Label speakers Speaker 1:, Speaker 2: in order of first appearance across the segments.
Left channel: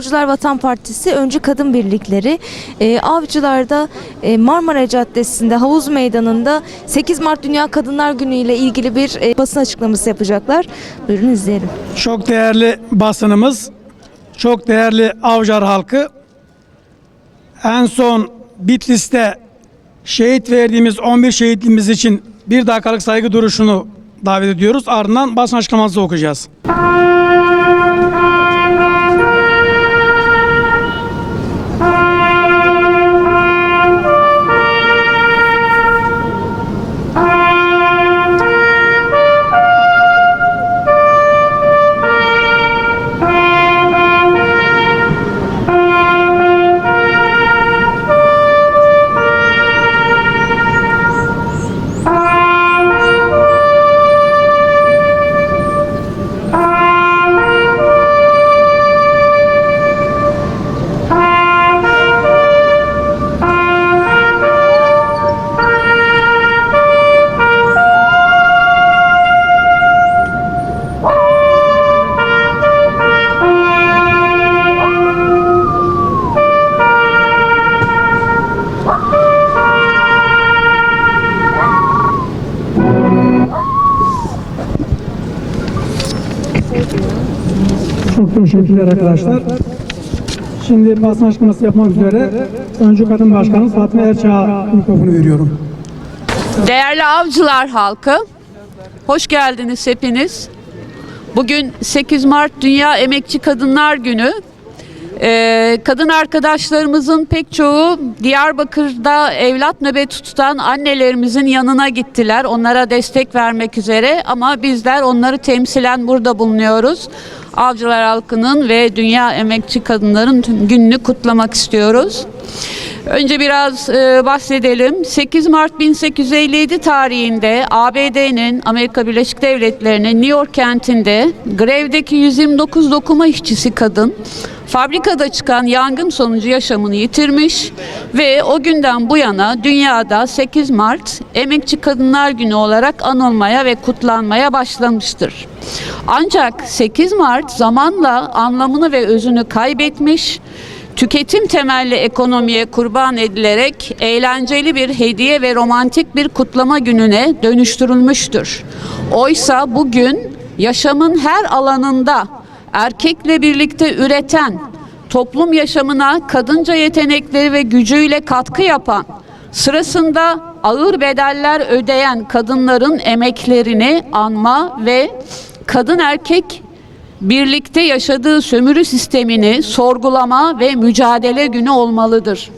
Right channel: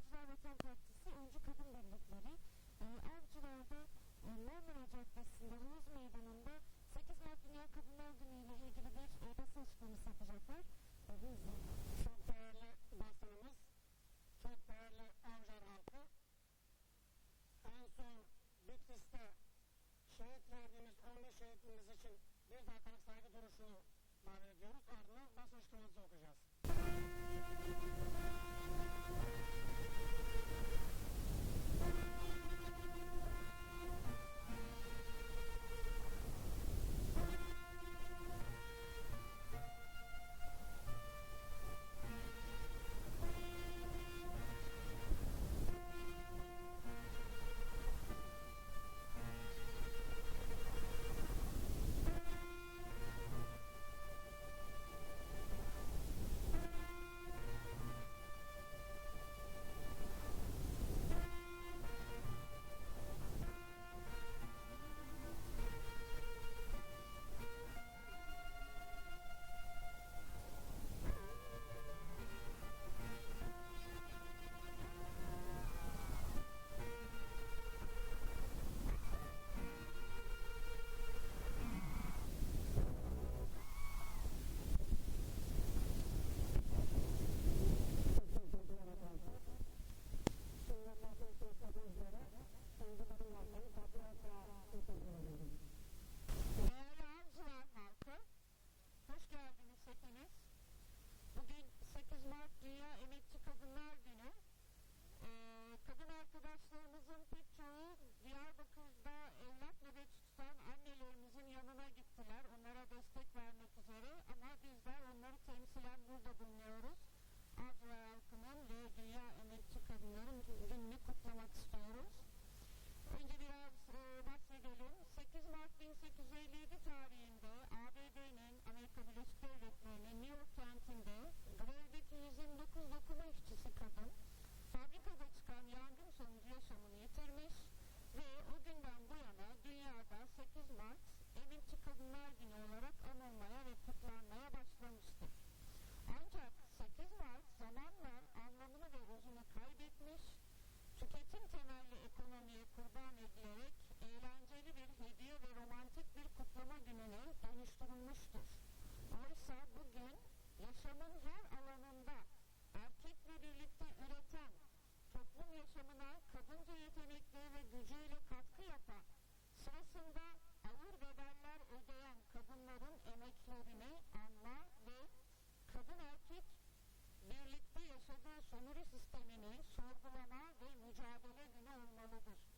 Speaker 1: Avcılar Vatan Partisi Öncü Kadın Birlikleri e, Avcılar'da e, Marmara Caddesi'nde Havuz Meydanı'nda 8 Mart Dünya Kadınlar Günü ile ilgili bir e, basın açıklaması yapacaklar. Buyurun izleyelim.
Speaker 2: Çok değerli basınımız, çok değerli Avcar halkı. En son Bitlis'te şehit verdiğimiz 11 şehitliğimiz için bir dakikalık saygı duruşunu davet ediyoruz. Ardından basın açıklaması okuyacağız. Teşekkürler arkadaşlar. Şimdi basın açıklaması yapmak üzere Öncü Kadın Başkanı Fatma Erçağ'a mikrofonu veriyorum.
Speaker 3: Değerli avcılar halkı, hoş geldiniz hepiniz. Bugün 8 Mart Dünya Emekçi Kadınlar Günü. Ee, kadın arkadaşlarımızın pek çoğu Diyarbakır'da evlat nöbeti tutan annelerimizin yanına gittiler. Onlara destek vermek üzere ama bizler onları temsilen burada bulunuyoruz. Avcılar halkının ve Dünya Emekçi Kadınların gününü kutlamak istiyoruz. Önce biraz e, bahsedelim. 8 Mart 1857 tarihinde ABD'nin Amerika Birleşik Devletleri'nin New York kentinde grevdeki 129 dokuma işçisi kadın fabrikada çıkan yangın sonucu yaşamını yitirmiş ve o günden bu yana dünyada 8 Mart Emekçi Kadınlar Günü olarak anılmaya ve kutlanmaya başlamıştır. Ancak 8 Mart zamanla anlamını ve özünü kaybetmiş tüketim temelli ekonomiye kurban edilerek eğlenceli bir hediye ve romantik bir kutlama gününe dönüştürülmüştür. Oysa bugün yaşamın her alanında erkekle birlikte üreten, toplum yaşamına kadınca yetenekleri ve gücüyle katkı yapan, sırasında ağır bedeller ödeyen kadınların emeklerini anma ve kadın erkek birlikte yaşadığı sömürü sistemini sorgulama ve mücadele günü olmalıdır.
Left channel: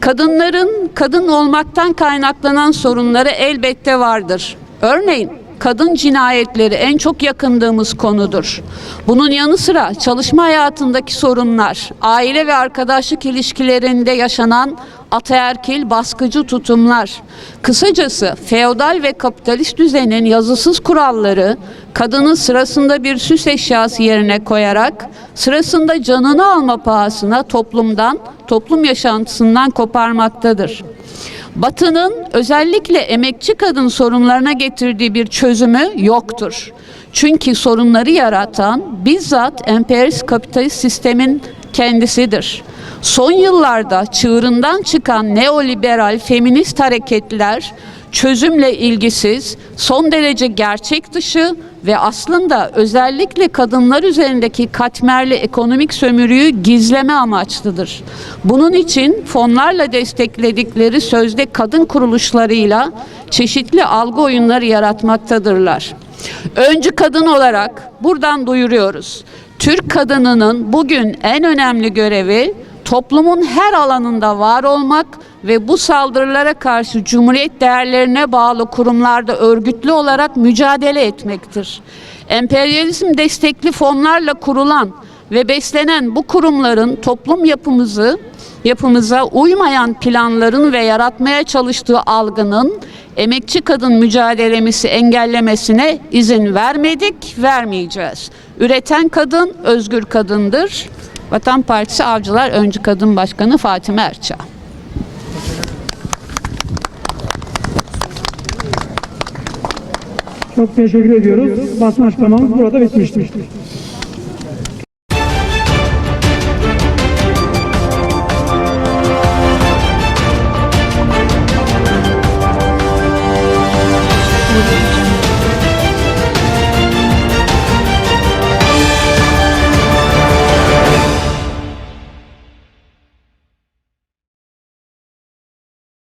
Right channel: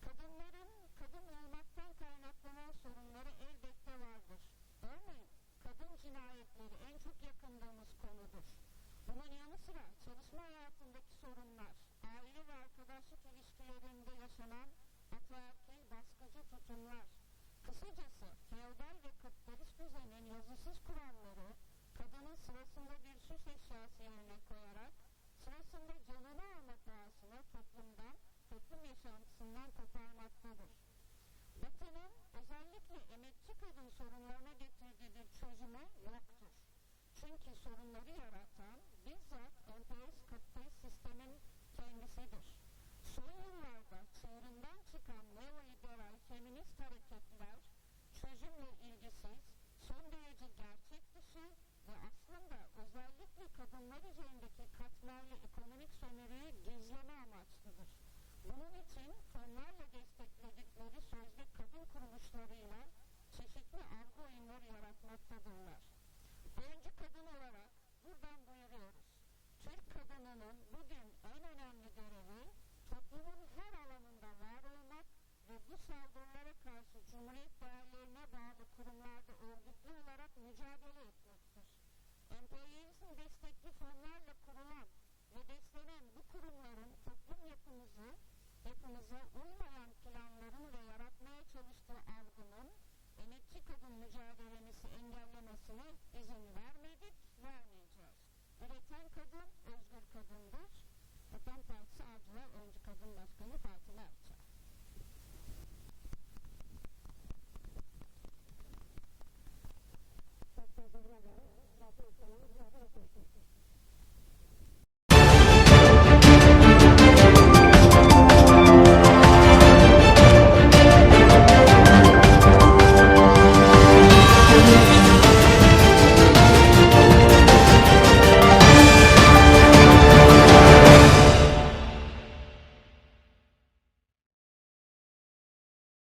Speaker 3: Kadınların kadın olmaktan kaynaklanan sorunları elbette vardır. Örneğin kadın cinayetleri en çok yakındığımız konudur. Bunun yanı sıra çalışma hayatındaki sorunlar, aile ve arkadaşlık ilişkilerinde yaşanan ataerkil baskıcı tutumlar, kısacası feodal ve kapitalist düzenin yazısız kuralları kadını sırasında bir süs eşyası yerine koyarak sırasında canını alma pahasına toplumdan, toplum yaşantısından koparmaktadır. Batı'nın özellikle emekçi kadın sorunlarına getirdiği bir çözümü yoktur. Çünkü sorunları yaratan bizzat emperyalist kapitalist sistemin kendisidir. Son yıllarda çığırından çıkan neoliberal feminist hareketler çözümle ilgisiz, son derece gerçek dışı ve aslında özellikle kadınlar üzerindeki katmerli ekonomik sömürüyü gizleme amaçlıdır. Bunun için fonlarla destekledikleri sözde kadın kuruluşlarıyla çeşitli algı oyunları yaratmaktadırlar. Öncü kadın olarak buradan duyuruyoruz. Türk kadınının bugün en önemli görevi toplumun her alanında var olmak ve bu saldırılara karşı cumhuriyet değerlerine bağlı kurumlarda örgütlü olarak mücadele etmektir. Emperyalizm destekli fonlarla kurulan ve beslenen bu kurumların toplum yapımızı yapımıza uymayan planların ve yaratmaya çalıştığı algının emekçi kadın mücadelemizi engellemesine izin vermedik, vermeyeceğiz. Üreten kadın özgür kadındır. Vatan Partisi Avcılar Öncü Kadın Başkanı Fatime Erçağ.
Speaker 2: Çok teşekkür ediyoruz. Basın açıklamamız burada bitmiştir.